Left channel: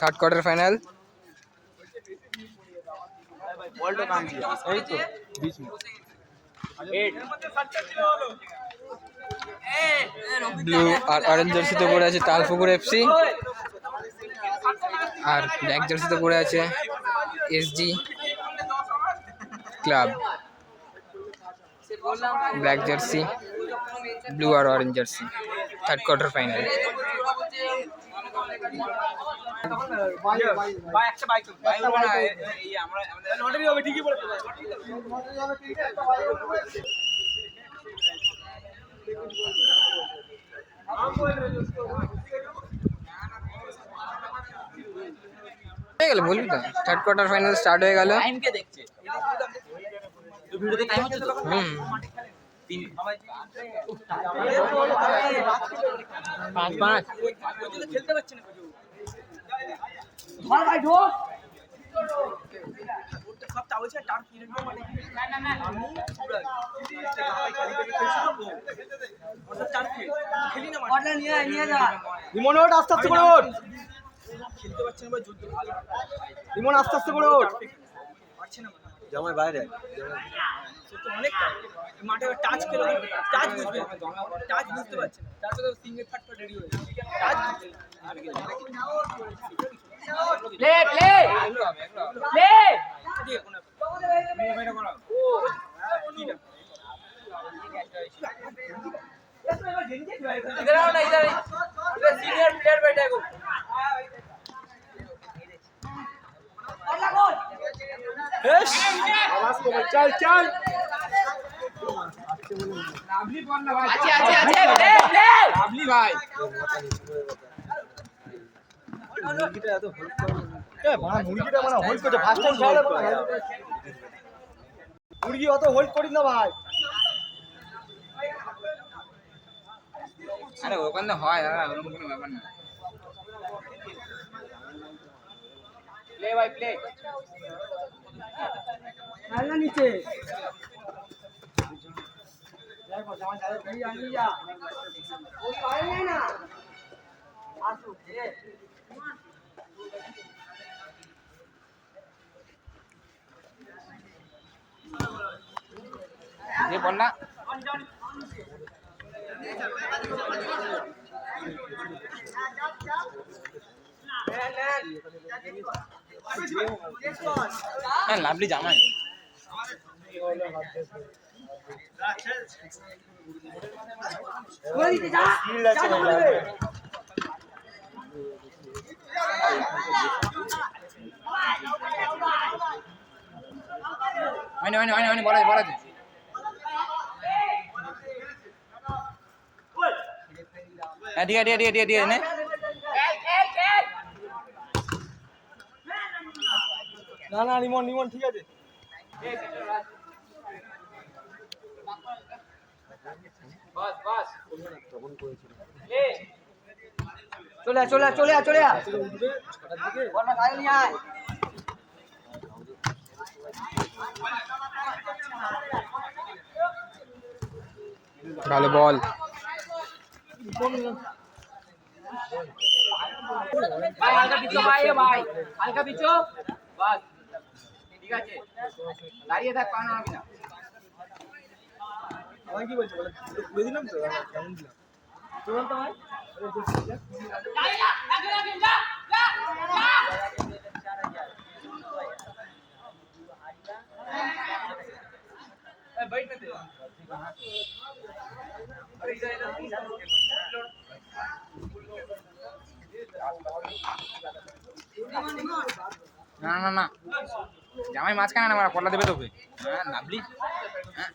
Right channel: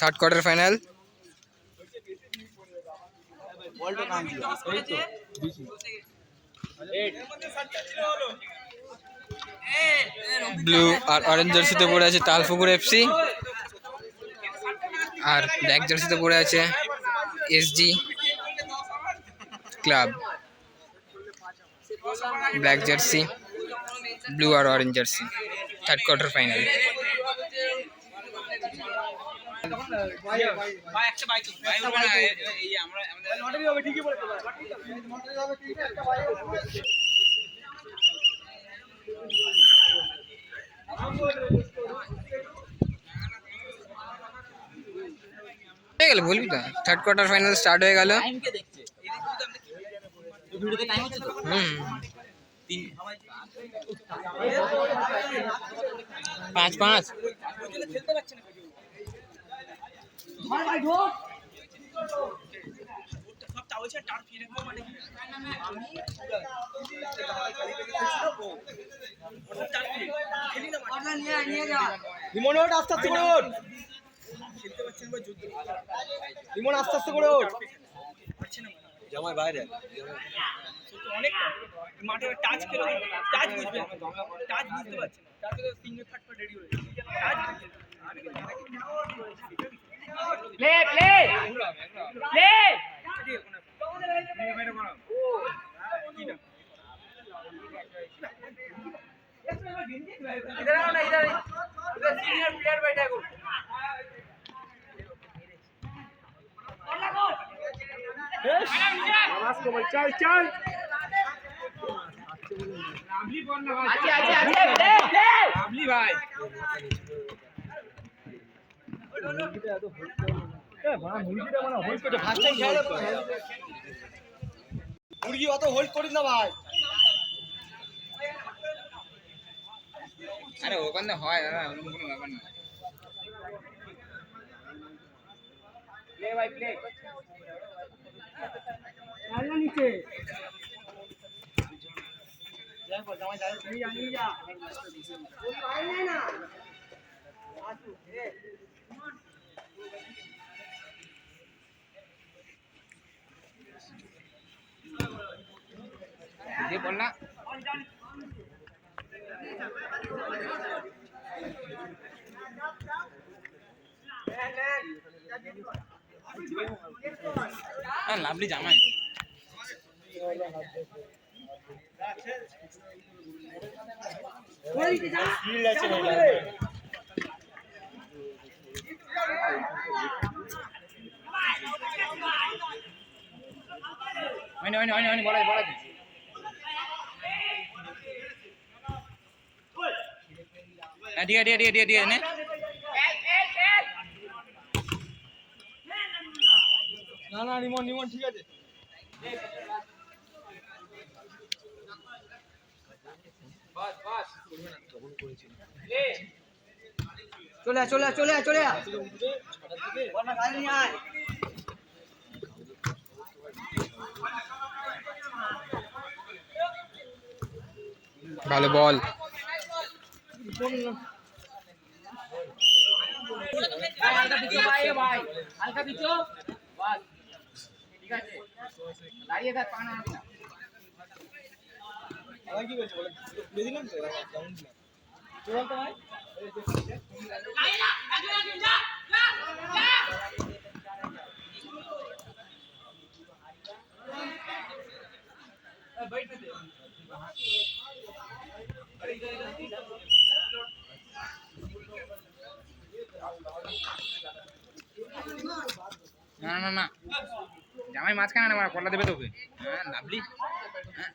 Third quarter final. এই তো blue আর অরেঞ্জ জার্সিতে পড়ে আছে তালপুকুর এফসি, আর ব্ল্যাক জার্সিতে পড়ে আছে SG club. Black jersey, blue আর orange jersey, third quarter final. হয়ে গেল, বলবি তো থার্ড কোয়ার্টার ফাইনাল স্টার্ট হয়ে গেল। পাঁচ পাঁচ আস্তে আস্তে করে ওঠ, খেলতে পারছে না, রিমন আস্তে আস্তে করে ওঠ, পারছে না জামাই বাইরে অনেক মাঠে টাচ খেলো, টাচ বুঝবে, টাচ বুঝতে পারছে না, টাচ তো সিঙ্গেল থার্ড পর রেডি হয়ে টাচ বুঝতে প্লে প্লে প্লে দিয়ে কোন নিয়ে বাইরে করো ঠিক আছে इधर आओ ना, इधर इधर सीनियर प्लेयर बैठा है को चल चल राबली बॉल ना भाई, अच्छे राबली भाई मुर्गीটা এত হোল্ড করে এ বাবা, মুরগিটা মানে হোল্ড করতে ফার্স্ট টাইম খেলা না, মুরগি অত হোল্ড করিস না ভাই। আরে ওখানে হয় ওরকম কোনো ব্যাপার না। প্লে ভাই প্লে না নিচে যাই বল, জামাই যাই তুই আনি যা, ওই পারে নাই না আসো ধীরে ये बोलना লাভলি জামাই বলা বলা dia ini না না রিমন রিমন ঠিক আছে বাস বাস তখন করেছিল চলে চলে চলে চলে বল না গায়ে নিয়ে আয় ভালো বল হালকা পিছো ভাই, ভাই হালকা পিছো বাস ঠিক আছে, দাঁড়িয়ে থাক, পা নাড়াবি না। আমি কি বলছি বলে দিলাম তো কেমন দিলাম তো বলতো ভাই না না না জামাই মাঝখানে না, আমরা পল্লা দেবে তোকে। হ্যাঁ লাভলি, হ্যাঁ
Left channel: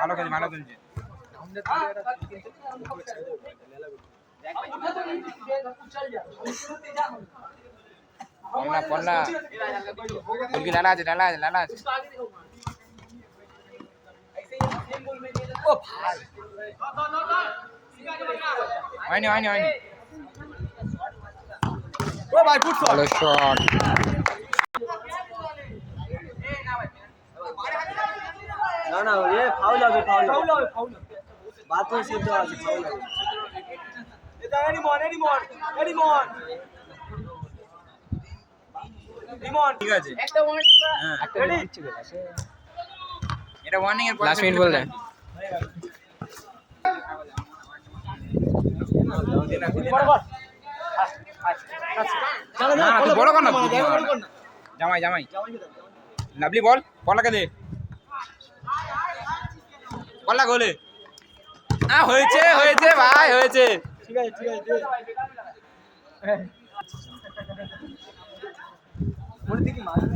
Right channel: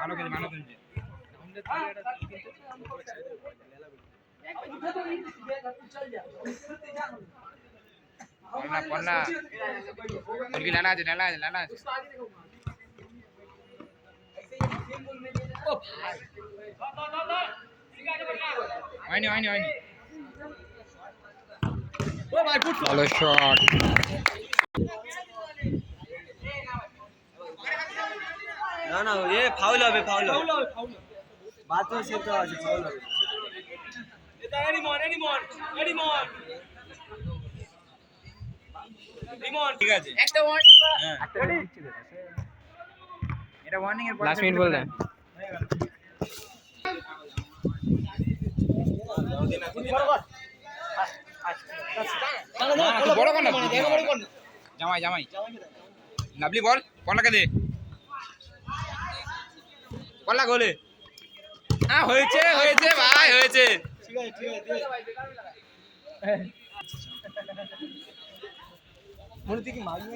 ভালো খেলছে ভালো খেলছে। পল্লা পল্লা বলকি লালা আছে লালা আছে লালা আছে। ও ভাই হয়নি হয়নি হয়নি, ও ভাই ফুট ভালো শট। না না এ ফাউল হবে ফাউল হবে ফাউল বাথরুম সিদ্ধ আছে ঠিক আছে একটা ওয়ান হ্যাঁ রেডি এটা ওয়ার্নিং এর লাস্ট মিনিট বললেন না না তুই বড় কর না জামাই জামাই লাভলি বল কলাকে দে কলা গোলে হয়েছে হয়েছে ভাই হয়েছে ঠিক আছে দে মনে দেখি মাঝে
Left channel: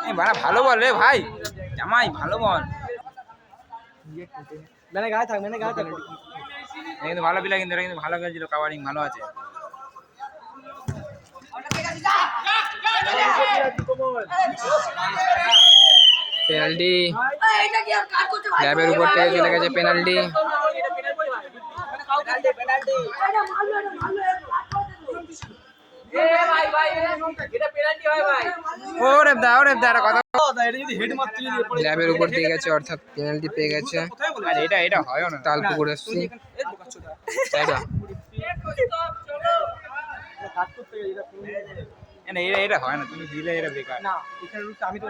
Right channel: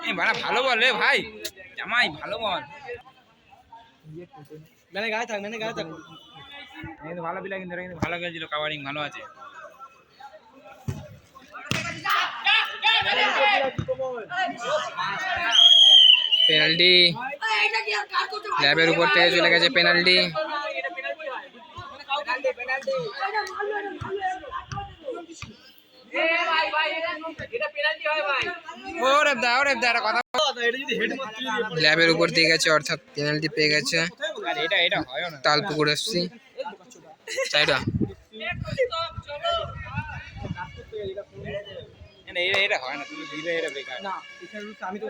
এই বাড়া ভালো বল রে ভাই জামাই ভালো বল মেনে গায়ে থাক এটা কিন্তু ভালো পিলা কিন্তু এটা কিন্তু ভালো খেলছিল কাভারিং ভালো আছে পেনাল্টি ল্যাবের উপর থেকে চলে গেছে পেনাল্টি ওরে দা এটা কথা এটা যদি হেড মারতে যদি পড়ে ল্যাবের উপর দিয়ে গেছে অর্থাৎ পেনাল্টি পেয়ে গেছে আরে এটা হয় না তালপুকুর এফসি চাইটা কাজ করতে গেলে এটা হয় না তুমি দিলে এটা বেকার না এখানে রুলস আমি তো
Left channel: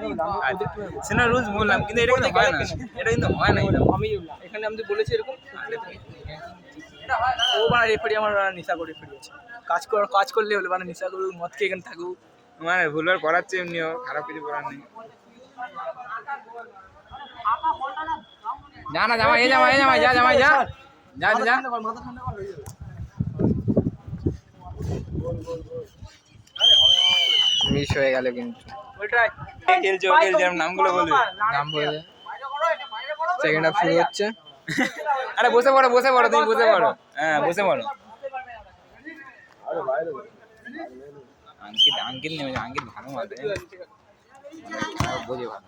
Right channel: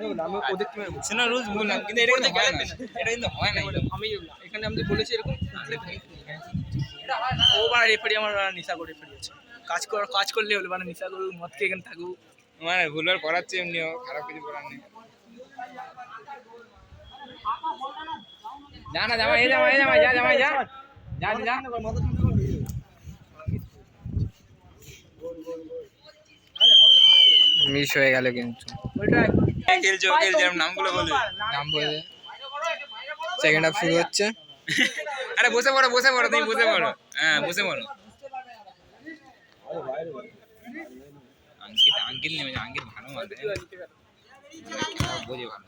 ওদের কি সেনা রুলস বললাম কিন্তু এটা কিন্তু হয় না এটা কিন্তু হয় না আমি এখানে আমি বলেছি এরকম ও মানে রেফারি আমার নেশা করে রেফারি আছে কাজ করলে হলে মানে নেশা করুক মদ খেয়ে এখানে থাকুক মানে ভুলবার করাচ্ছে এমনিও খারাপ কিছু করার নেই যা না জামাই যা জামাই যা মাথা ঠান্ডা কর হয়ে যাবে মিস হয়ে গেল কিন্তু খেলছে নামগুলো বলে নাম বলে সেকেন্ড হাফ শুরু হচ্ছে আরে বসে পড়ো তুমি বসে পড়ো হ্যাঁ বসে পড়ো আঙ্কিত নেমে যা আঙ্কিত ভালো মারবে বোঝে ভালো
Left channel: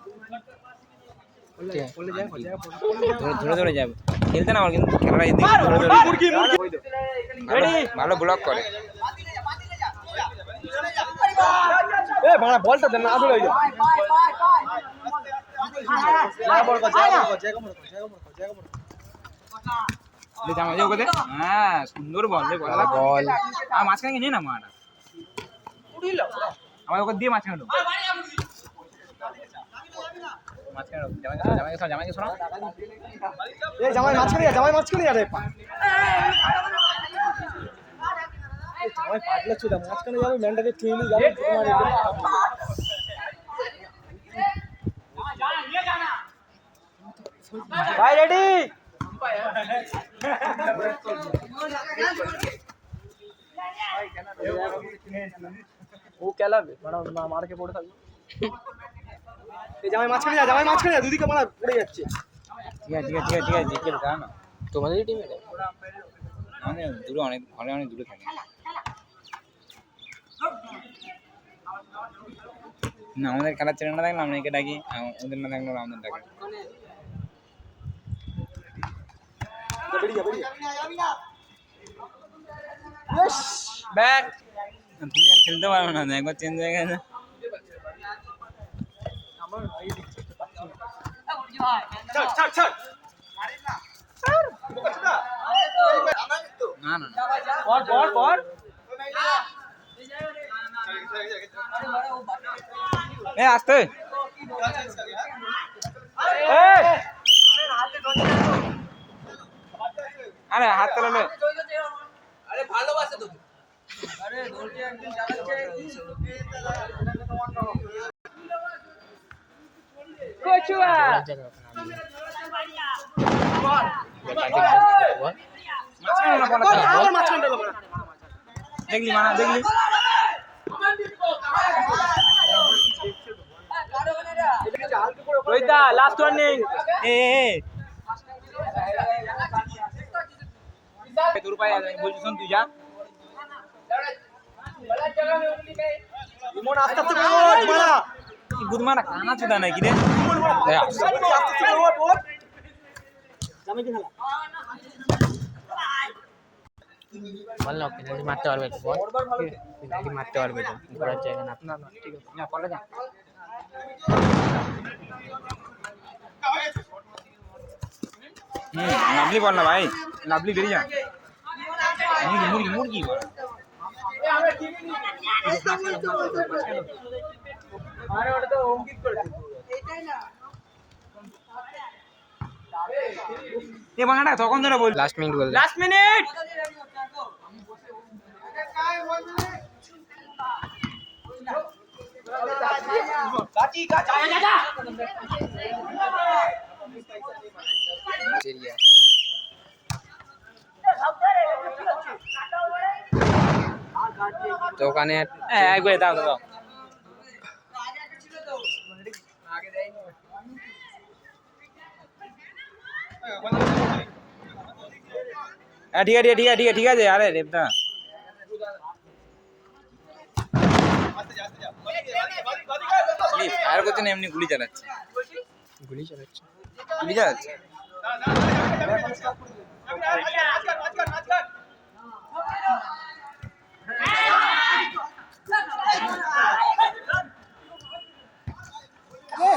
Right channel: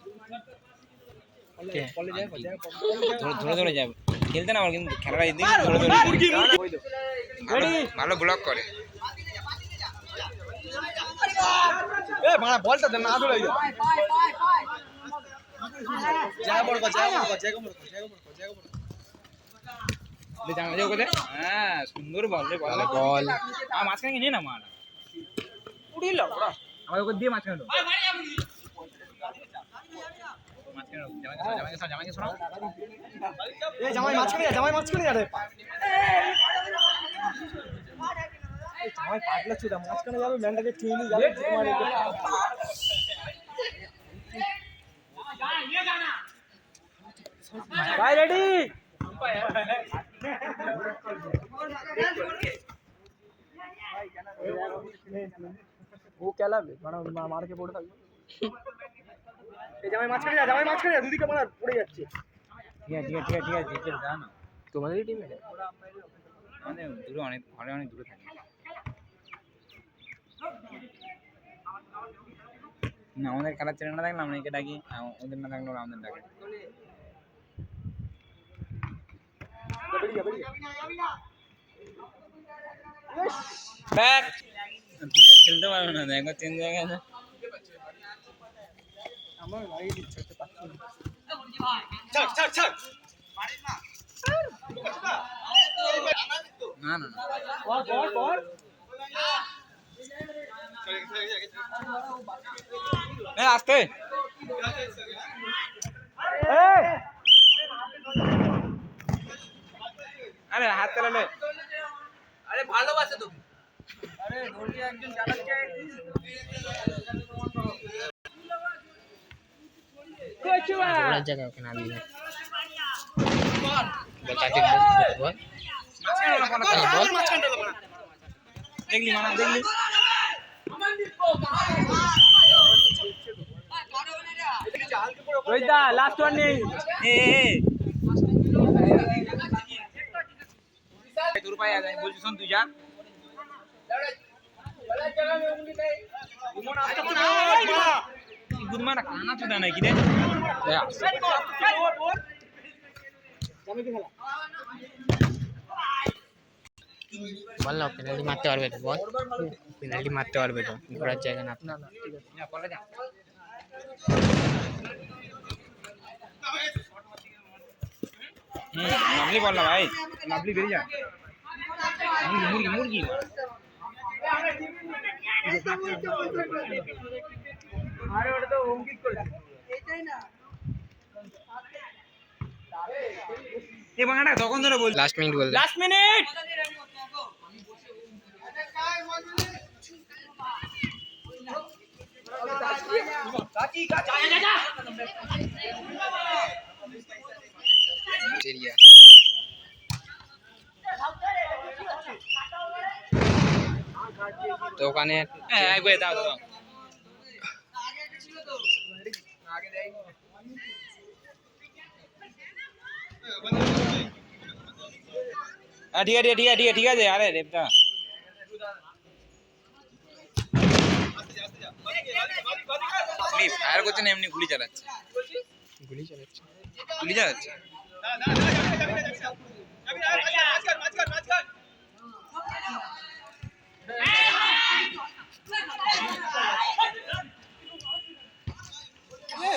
ধরে যাবে খেলতে না আমার কিন্তু খেলাটা ভালো ব্লক করে এ বাড়া বলটা দেন না আদুর হয়ে যাবে জায়গা বড় কর জামা যাও কোথায় হ্যাঁ সুন্দর বল রে বল বল আর মাঝখানে নিয়ে না মারা আমার ওকে দিয়ে মাঝখানে ঢোক মাঝখানে ঢোক জামাইকে শোনো এ জামাই মাঝখানে যা রে জামাই পাগলা ছিল মাঝখানে যাবে ম্যান্ডাকে ট্রেনিং যাবে ভাই রেডি ও খেলাবে মার কে পড়ে থাকবে এই জামাই মাঝখানে যা দুদিকে মারা পড়ে যাচ্ছে ঠিক আছে জিজ্ঞেস দাও না তোমাদের টিমে আমাদের দূরে অনেক ঘরে অনেক দূরে থাকে না আমাদের খেলার ছেলে না থাকলে আমরা একে ডাকি ওদের না থাকলে ওরা আমাদের ডাকে তুমি আর খেলতে পারবে না একবার চেঞ্জ হয়ে গেছে না না এ আসতে আরে হাত চালালে আরে ভালোবাসে তো আরে দৌড়কে একদিন চালাচ্ছে কোচুয়া জায়গা ওখানে আমি দেখলি মানা দেখলি ওইটা লাস্ট ওয়ার্নিং তোর পায়ে বলছি শোন তুই যা ইমন আস্তে আস্তে ওঠ মারা গুদমানা কানা চুদা নাকি রে আস্তে আস্তে ওঠ জামে কি খেলা বল না পেনাল্টি মারতে পারবে তো বল পেনাল্টি মারতে পারবে তো ঘোরার জায়গা না না ঠিক আছে যা পরে যা লাভলি বল না ভাই লাভলি বেরিয়ে যা মুরগি মুরগি মুরগি আরে ওটা তো অঙ্কিত করে এ বাংলাটা তখন ধরে বল লাস্ট মিনিট বল লাস্ট মিনিট কাচি কাচি এরিয়া তো ওখানে একবার দাও দাও হ্যাঁ ঠিক আছে ঠিক আছে ঠিক আছে ঠিক আছে আরে দেবদা ফায়ার করছে না এমনি গুলি চালাচ্ছে গুলি চালাচ্ছে গুলি চালাচ্ছে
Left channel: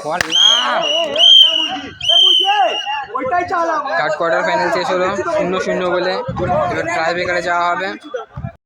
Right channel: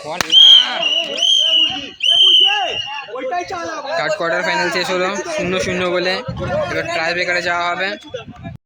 বল না ওইটাই চালাবো থার্ড কোয়ার্টার ফাইনাল শেষ হলো 0-0 বলে এবার ট্রাই ব্রেকারে যাওয়া হবে